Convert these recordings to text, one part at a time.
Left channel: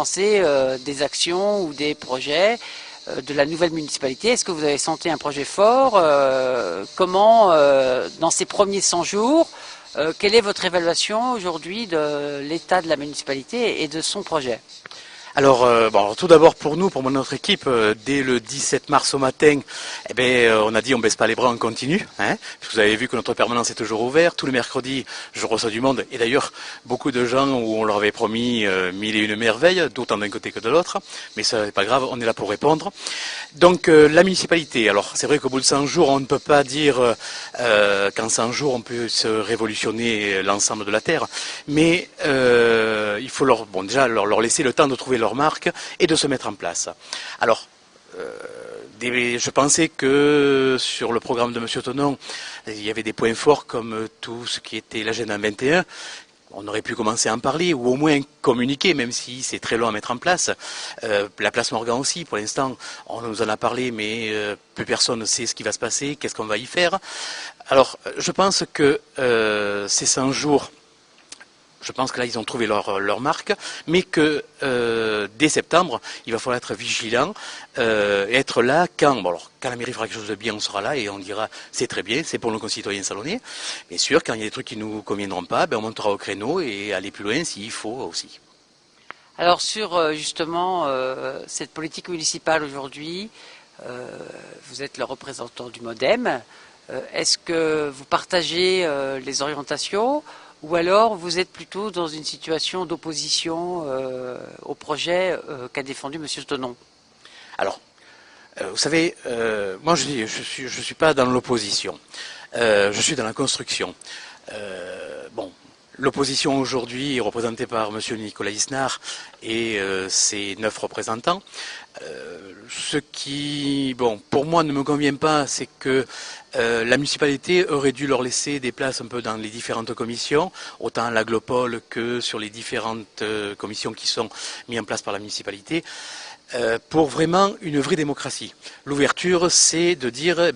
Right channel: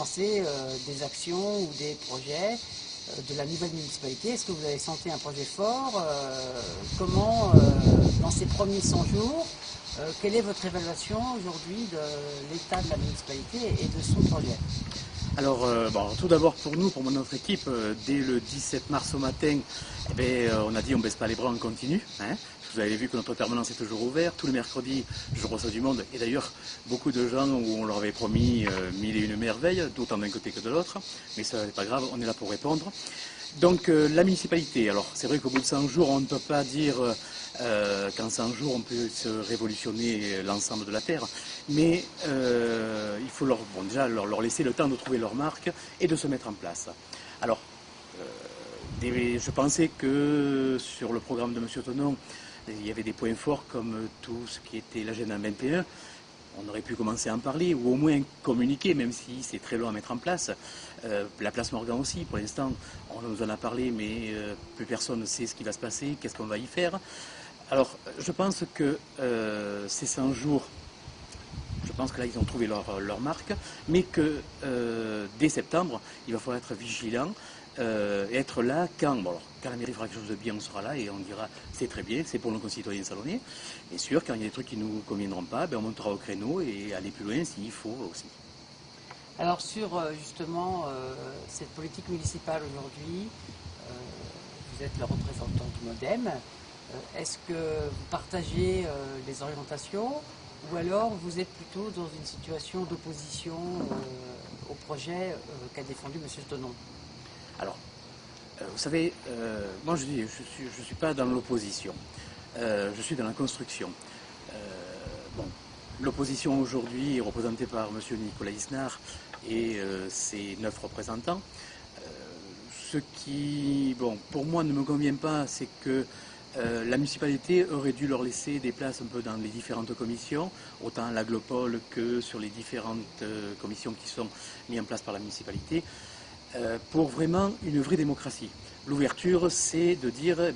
pensez des actions ou des projets de la nouvelle municipalité? Est-ce que vous avez senti un projet fort? Comment, dans ces premiers 100 jours, quelle est votre évaluation aujourd'hui de l'état de la municipalité et de son projet? Alors, tout d'abord pour nous, pour notre équipe, dès le 17 mars au matin, on a dit on baisse pas les bras, on continue. Hein. Vous avez vu que notre permanence est toujours ouverte. Tous les mercredis, je reçois du monde. Et d'ailleurs, beaucoup de gens où on leur avait promis mille et une merveilles, d'autant d'un côté que de l'autre. Mais ça n'est pas grave, on est là pour répondre. Donc la municipalité, alors c'est vrai qu'au bout de 100 jours, on ne peut pas dire qu'en 100 jours on peut se révolutionner l'ensemble de la Terre, mais il faut déjà leur laisser le temps de trouver leur marque et de se mettre en place. Alors, je pensais que sur le programme de M. Thonon, il y avait des points forts comme tout ce qui était l'agenda 21. On aurait pu commencer à en parler, ou au moins communiquer, même si c'est très long à mettre en place. La place Morgan aussi, pour l'instant, on nous en a parlé, mais plus personne ne sait ce qui va se passer, qu'est-ce qu'on va y faire. Alors, je pense que ces 100 jours, je pense que là, ils ont trouvé leur marque, mais que dès septembre, il va falloir être vigilant, être là quand la mairie fera quelque chose de bien, on sera là et on dira c'est très bien, c'est pour nos concitoyens salonnais. Bien sûr, quand il y a des trucs qui ne nous conviendront pas, on montera au créneau et aller plus loin s'il faut aussi. Alors sur justement cette politique municipale aujourd'hui, vous êtes le représentant du MODEM. Est-ce que vous partagez les orientations ou alors vous êtes plutôt dans une situation d'opposition au projet qu'a défendu M. Thonon? Alors, vous savez, moi je suis pas dans l'opposition, je suis dans la construction. L'opposition aujourd'hui est représentée par M. Nicolas Isnard et ses 9 représentants. Ce qui, pour moi ne me convient pas, c'est que la municipalité aurait dû leur laisser des places un peu dans les différentes commissions, autant à l'Aglopole que sur les différentes commissions qui sont mises en place par la municipalité, pour vraiment une vraie démocratie. L'ouverture, c'est de dire,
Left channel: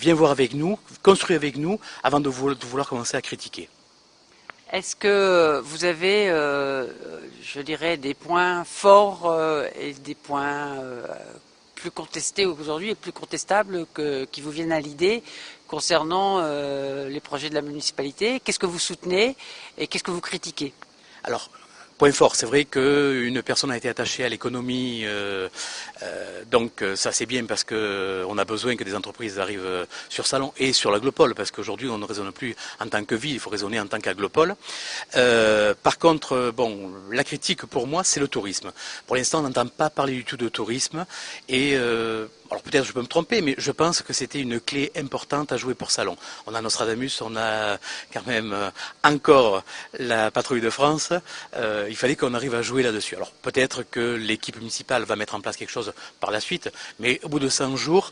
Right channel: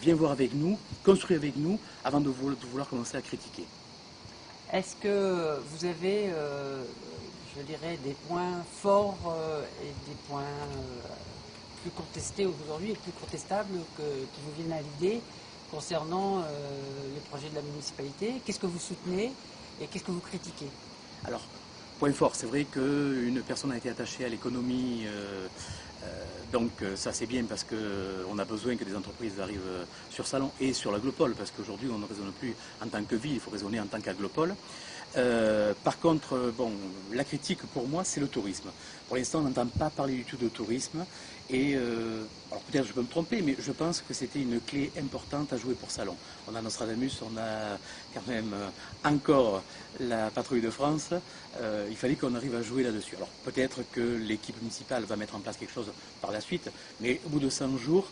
viens voir avec nous, construis avec nous, avant de vouloir commencer à critiquer. Est-ce que vous avez, je dirais, des points forts et des points plus contestés aujourd'hui et plus contestables qui vous viennent à l'idée concernant les projets de la municipalité? Qu'est-ce que vous soutenez et qu'est-ce que vous critiquez? Alors, point fort, c'est vrai qu'une personne a été attachée à l'économie, donc ça c'est bien parce qu'on a besoin que des entreprises arrivent sur Salon et sur l'Aglopole, parce qu'aujourd'hui on ne raisonne plus en tant que ville, il faut raisonner en tant qu'Aglopole. Par contre, la critique pour moi c'est le tourisme. Pour l'instant on n'entend pas parler du tout de tourisme et alors peut-être je peux me tromper, mais je pense que c'était une clé importante à jouer pour Salon. On a Nostradamus, on a quand même encore la patrouille de France. Il fallait qu'on arrive à jouer là-dessus. Alors peut-être que l'équipe municipale va mettre en place quelque chose par la suite, mais au bout de 100 jours,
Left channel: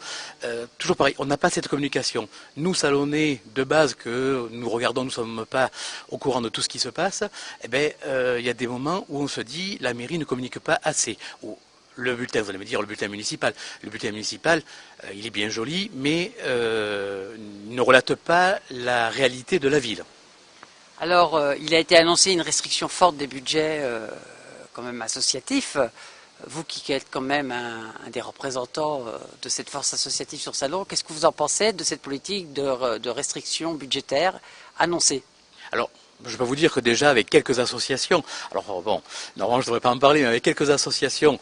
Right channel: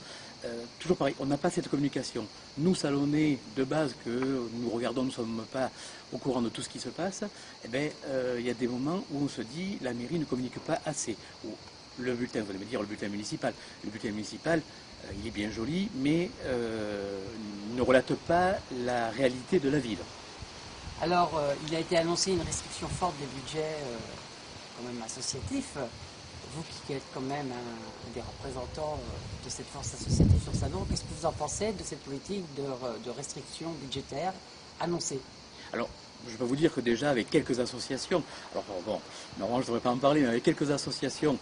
toujours pareil, on n'a pas cette communication. Nous, Salonnais, de base, que nous regardons, nous ne sommes pas au courant de tout ce qui se passe, il y a des moments où on se dit la mairie ne communique pas assez. Le bulletin, vous allez me dire le bulletin municipal. Le bulletin municipal, il est bien joli, mais ne relate pas la réalité de la ville. Alors, il a été annoncé une restriction forte des budgets quand même associatifs. Vous qui êtes quand même un des représentants de cette force associative sur Salon, qu'est-ce que vous en pensez de cette politique de restriction budgétaire annoncée? Alors, je peux vous dire que déjà avec quelques associations, alors normalement je ne devrais pas en parler, mais avec quelques associations,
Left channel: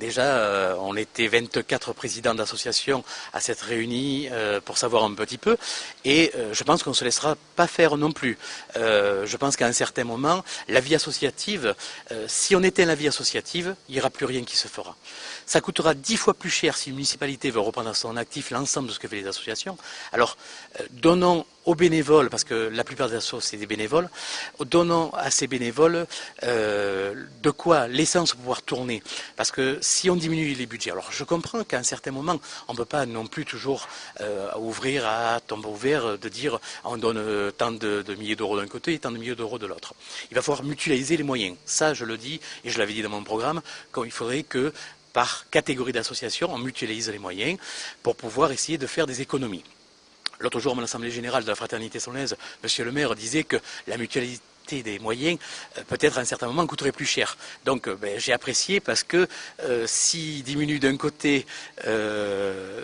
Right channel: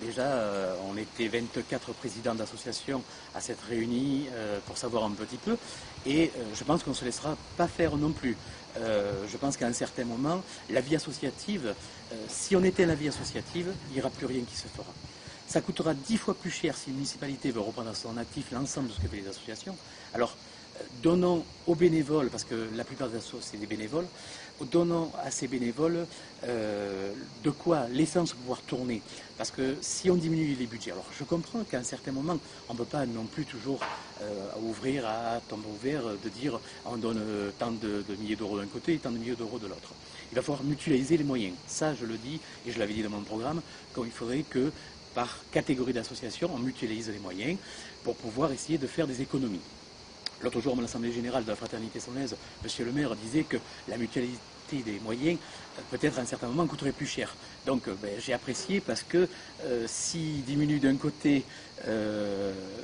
déjà on était 24 présidents d'associations à s'être réunis pour savoir un petit peu, et je pense qu'on ne se laissera pas faire non plus. Je pense qu'à un certain moment, la vie associative, si on éteint la vie associative, il n'y aura plus rien qui se fera. Ça coûtera 10 fois plus cher si une municipalité veut reprendre à son actif l'ensemble de ce que fait les associations. Alors, donnons aux bénévoles, parce que la plupart des associations c'est des bénévoles, donnons à ces bénévoles de quoi l'essence pour pouvoir tourner. Parce que si on diminue les budgets, alors je comprends qu'à un certain moment, on ne peut pas non plus toujours ouvrir à tombeau ouvert, de dire on donne tant de milliers d'euros d'un côté et tant de milliers d'euros de l'autre. Il va falloir mutualiser les moyens. Ça, je le dis, et je l'avais dit dans mon programme, qu'il faudrait que par catégorie d'association, on mutualise les moyens pour pouvoir essayer de faire des économies. L'autre jour, à l'Assemblée Générale de la Fraternité Salonnaise, M. le maire disait que la adapter des moyens, peut-être à un certain moment coûterait plus cher. Donc j'ai apprécié parce que s'il diminue d'un côté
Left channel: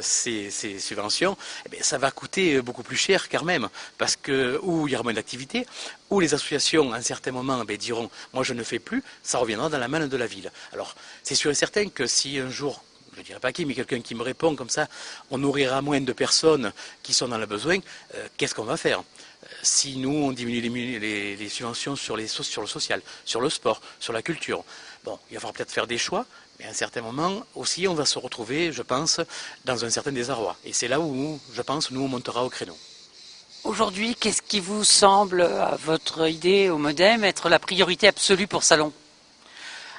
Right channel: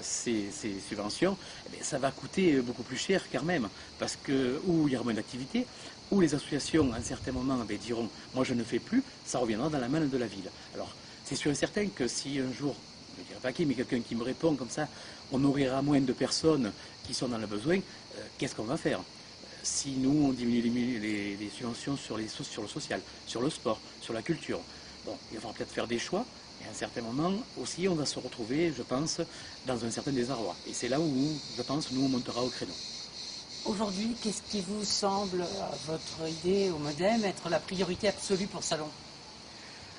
ces subventions, ça va coûter beaucoup plus cher quand même, parce que ou il y aura moins d'activité, ou les associations à un certain moment diront moi je ne fais plus, ça reviendra dans la manne de la ville. Alors c'est sûr et certain que si un jour, je ne dirais pas qui, mais quelqu'un qui me répond comme ça, on nourrira moins de personnes qui sont dans le besoin, qu'est-ce qu'on va faire? Si nous, on diminue les subventions sur le social, sur le sport, sur la culture, bon, il va falloir peut-être faire des choix, mais à un certain moment aussi, on va se retrouver, je pense, dans un certain désarroi. Et c'est là où, je pense, nous, on montera au créneau. Aujourd'hui, qu'est-ce qui vous semble, à votre idée, au MODEM, être la priorité absolue pour Salon?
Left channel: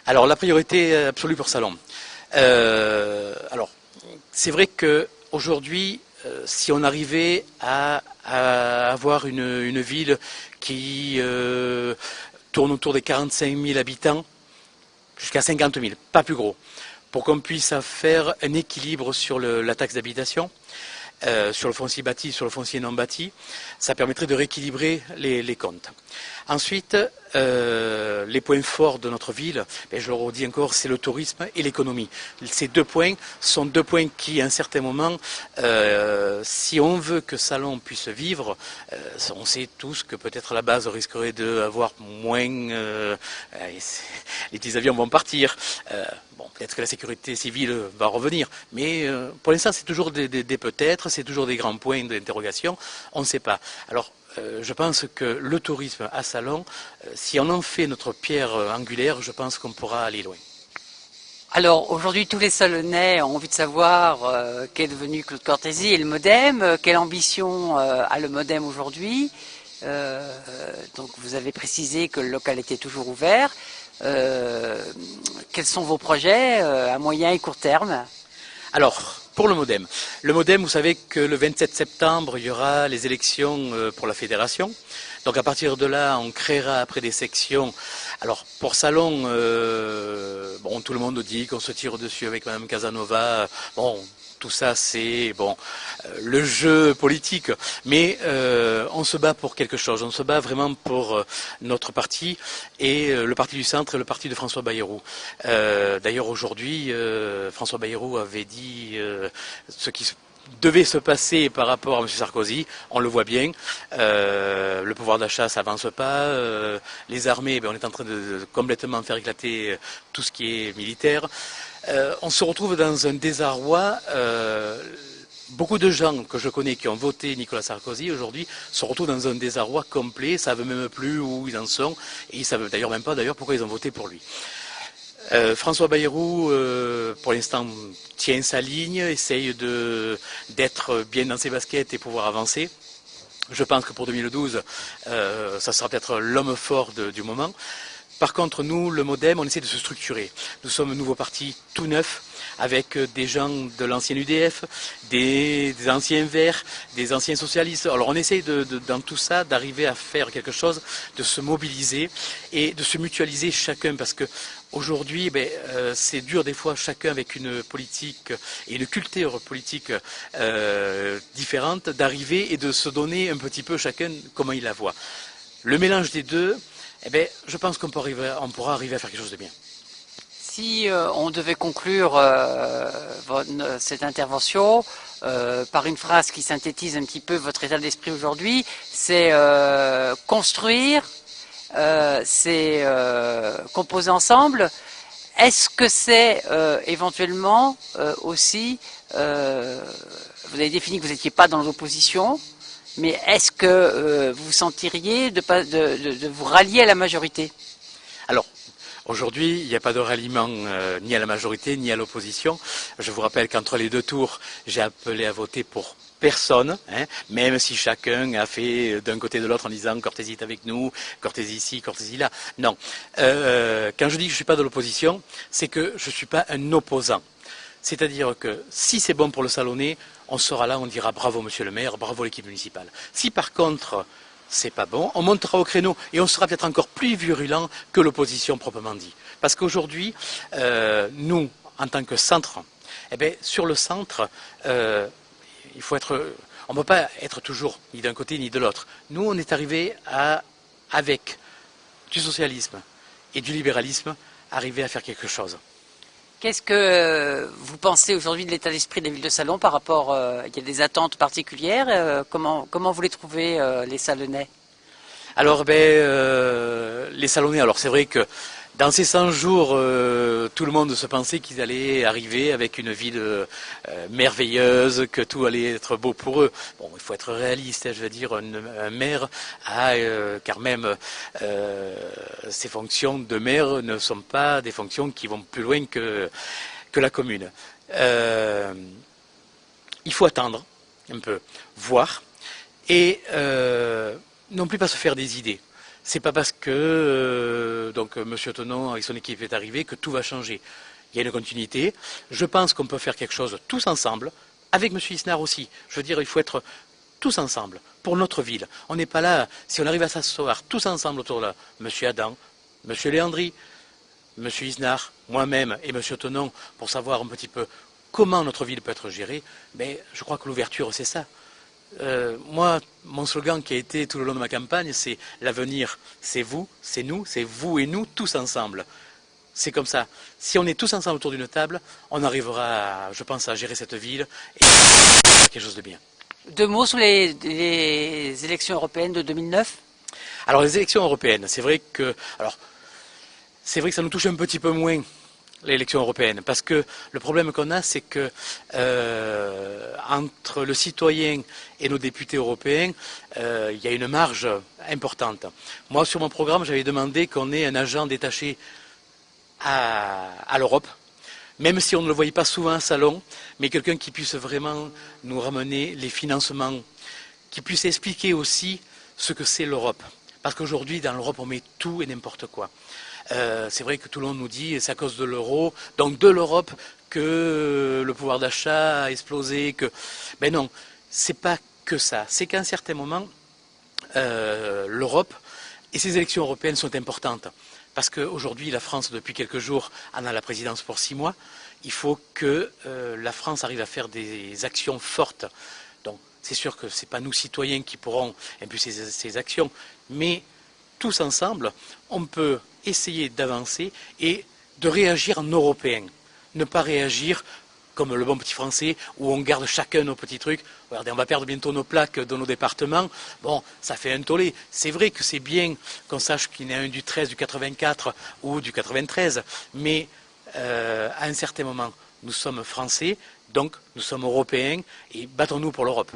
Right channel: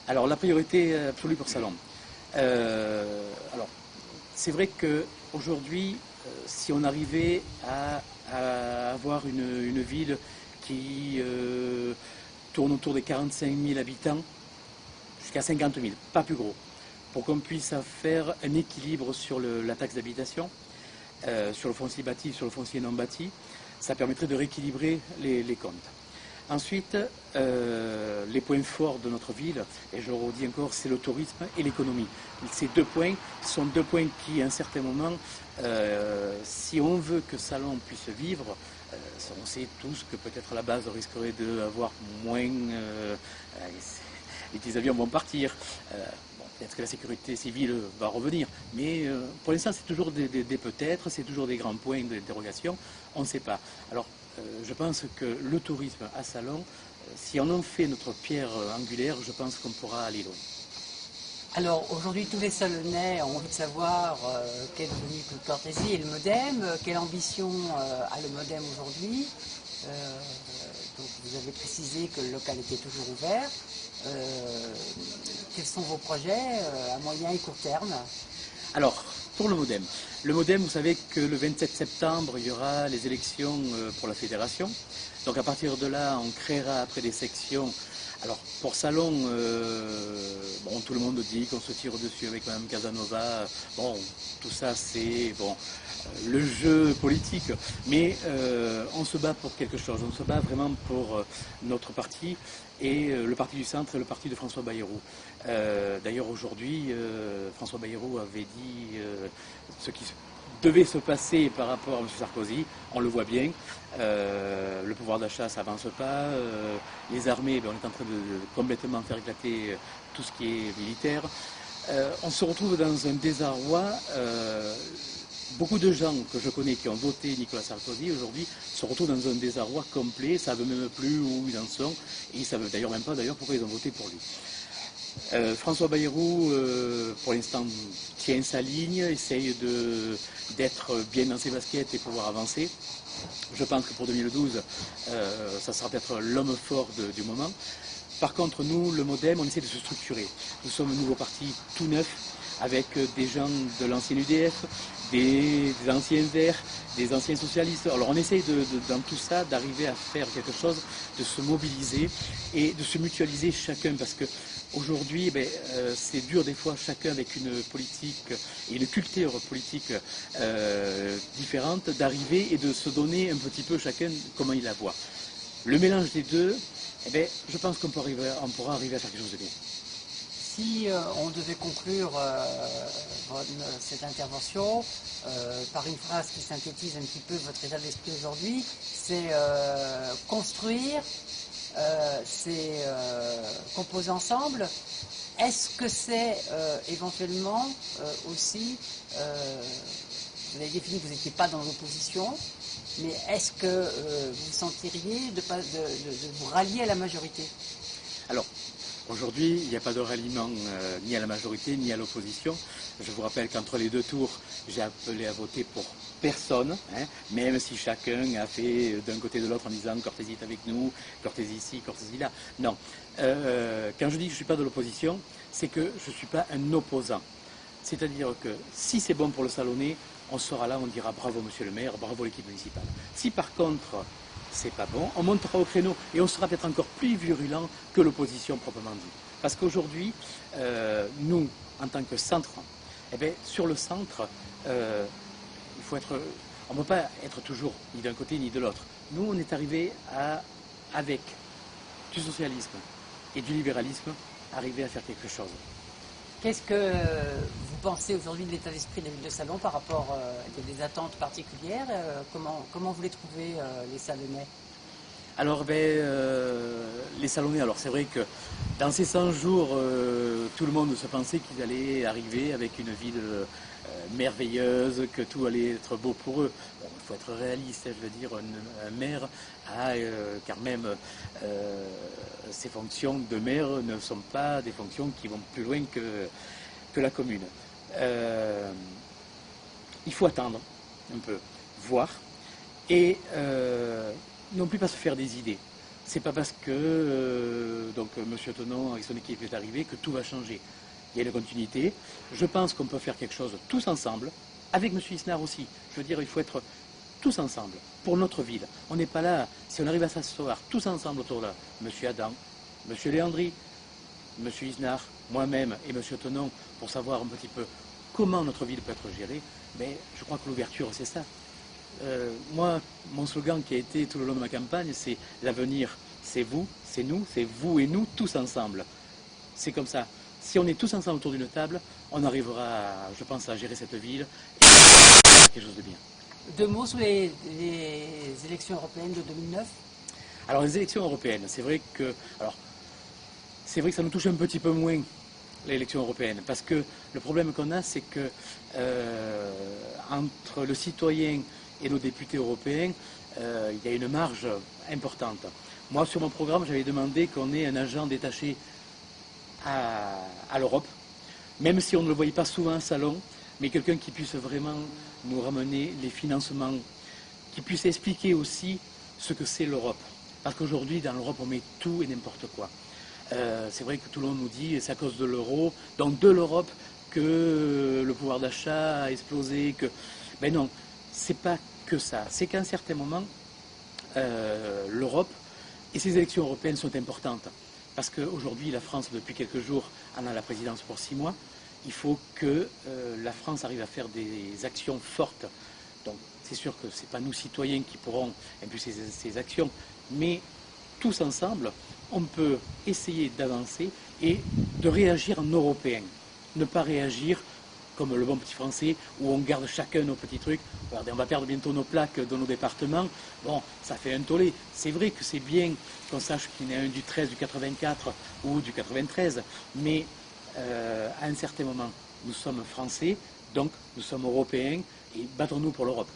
Alors, la priorité absolue pour Salon. Alors, c'est vrai qu'aujourd'hui, si on arrivait à avoir une ville qui tourne autour des 45 000 habitants, jusqu'à 50 000, pas plus gros, pour qu'on puisse faire un équilibre sur la taxe d'habitation, sur le foncier bâti, sur le foncier non bâti, ça permettrait de rééquilibrer les comptes. Ensuite, les points forts de notre ville, et je le redis encore, c'est le tourisme et l'économie. Ces deux points sont deux points qui, à un certain moment, si on veut que Salon puisse vivre, on sait tous que peut-être la base risquerait d'avoir moins... les petits avions vont partir. Bon, peut-être que la sécurité civile va revenir, mais pour l'instant, c'est toujours des peut-être, c'est toujours des grands points d'interrogation, on ne sait pas. Alors, je pense que le tourisme à Salon, si on en fait notre pierre angulaire, je pense qu'on pourra aller loin. Alors aujourd'hui, tous les Salonnais ont envie de savoir qu'est devenu Claude Cortési et le MODEM, quelle ambition a le MODEM aujourd'hui. Donc vous avez précisé que le local était toujours ouvert. Quels sont vos projets à moyen et court terme? Alors, pour le MODEM, vous savez que le 27 septembre, il y aura les élections pour la fédération. Donc à partir de là, on créera après des sections. Alors pour Salon, bon, tout le monde dit qu'on se tire dessus avec Mme Casanova. Bon, tout ça c'est bon, le jeu politique, mais on se bat pour quelque chose. On se bat vraiment pour notre parti et le parti du centre et le parti de François Bayrou. D'ailleurs aujourd'hui, François Bayrou avait dit ce qui devait se passer par rapport à M. Sarkozy, on le voit bien, le pouvoir d'achat ça avance pas, les armées, on est en train de complètement faire éclater tout ce qui est militaire. On se retrouve dans un désarroi, beaucoup de gens que je connais qui ont voté Nicolas Sarkozy aujourd'hui se retrouvent dans un désarroi complet, ça ne veut même plus où ils en sont, et ils ne savent d'ailleurs même pas pourquoi ils ont voté pour lui. François Bayrou, pour l'instant, tient sa ligne, essaye d'être bien dans ses baskets et pouvoir avancer. Je pense que pour 2012, ça sera peut-être l'homme fort du moment. Par contre, nous, le MODEM, on essaie de se structurer. Nous sommes un nouveau parti tout neuf, avec des gens de l'ancien UDF, des anciens Verts, des anciens socialistes. Alors on essaye dans tout ça d'arriver à faire quelque chose, de se mobiliser et de se mutualiser chacun, parce que aujourd'hui, c'est dur des fois, chacun avec une politique et une culture politique différente, d'arriver et de se donner un petit peu chacun comment il la voit. Le mélange des deux, je pense qu'on pourra arriver à faire quelque chose de bien. Si on devait conclure cette intervention par une phrase qui synthétise un petit peu votre état d'esprit aujourd'hui, c'est construire, c'est composer ensemble. Est-ce que c'est éventuellement aussi, vous avez défini que vous n'étiez pas dans l'opposition, mais est-ce que vous sentiriez de vous rallier à la majorité? Alors, aujourd'hui, il n'y a pas de ralliement ni à la majorité ni à l'opposition. Je vous rappelle qu'entre les deux tours, j'ai appelé à voter pour personne, même si chacun a fait d'un côté de l'autre en disant Cortési est avec nous, Cortési ici, Cortési là. Non. Quand je dis que je ne suis pas de l'opposition, c'est que je ne suis pas un opposant. C'est-à-dire que si c'est bon pour le Salonnais, on sera là, on dira bravo monsieur le maire, bravo l'équipe municipale. Si par contre c'est pas bon, on montera au créneau et on sera peut-être encore plus virulent que l'opposition proprement dit. Parce qu'aujourd'hui, nous, en tant que centre, sur le centre, il faut être, on ne peut pas être toujours ni d'un côté ni de l'autre. Nous, on est arrivé avec du socialisme et du libéralisme, arriver à faire quelque chose. Qu'est-ce que vous pensez aujourd'hui de l'état d'esprit des villes de Salon par rapport, il y a des attentes particulières, comment vous les trouvez, les Salonnais? Alors, les Salonnais, alors c'est vrai que dans ces 100 jours, tout le monde se pensait qu'ils allaient arriver avec une ville merveilleuse, que tout allait être beau pour eux. Bon, il faut être réaliste, hein, je veux dire, un maire a quand même ses fonctions de maire ne sont pas des fonctions qui vont plus loin que la commune. Il faut attendre un peu, voir, et non plus pas se faire des idées. C'est pas parce que M. Tenon avec son équipe est arrivé que tout va changer. Il y a une continuité. Je pense qu'on peut faire quelque chose tous ensemble, avec M. Isnard aussi. Je veux dire, il faut être tous ensemble pour notre ville. On n'est pas là, si on arrive à s'asseoir tous ensemble autour de là, M. Adam, M. Léandri, M. Isnard, moi-même et M. Tenon, pour savoir un petit peu comment notre ville peut être gérée, mais je crois que l'ouverture, c'est ça. Moi, mon slogan qui a été tout le long de ma campagne, c'est l'avenir, c'est vous, c'est nous, c'est vous et nous, tous ensemble. C'est comme ça. Si on est tous ensemble autour d'une table, on arrivera, je pense, à gérer cette ville et à quelque chose de bien. Deux mots sur les élections européennes de 2009? Alors les élections européennes, c'est vrai que ça nous touche un petit peu moins, l'élection européenne, parce que le problème qu'on a, c'est que entre le citoyen et nos députés européens, il y a une marge importante. Moi, sur mon programme, j'avais demandé qu'on ait un agent détaché à l'Europe, même si on ne le voyait pas souvent à Salon, mais quelqu'un qui puisse vraiment nous ramener les financements, qui puisse expliquer aussi ce que c'est l'Europe. Parce qu'aujourd'hui, dans l'Europe, on met tout et n'importe quoi. C'est vrai que tout le monde nous dit c'est à cause de l'euro, donc de l'Europe, que le pouvoir d'achat a explosé. Mais non, c'est pas que ça. C'est qu'à un certain moment, l'Europe et ces élections européennes sont importantes. Parce qu'aujourd'hui, la France, depuis quelques jours, en a la présidence pour 6 mois. Il faut que la France arrive à faire des actions fortes. Donc, c'est sûr que ce n'est pas nous, citoyens, qui pourront impulser ces actions, mais tous ensemble, on peut essayer d'avancer et de réagir en européen. Ne pas réagir comme le bon petit français, où on garde chacun nos petits trucs. Regardez, on va perdre bientôt nos plaques dans nos départements. Bon, ça fait un tollé. C'est vrai que c'est bien qu'on sache qu'il y en a un du 13, du 84 ou du 93, mais à un certain moment, nous sommes français, donc nous sommes européens, et battons-nous pour l'Europe.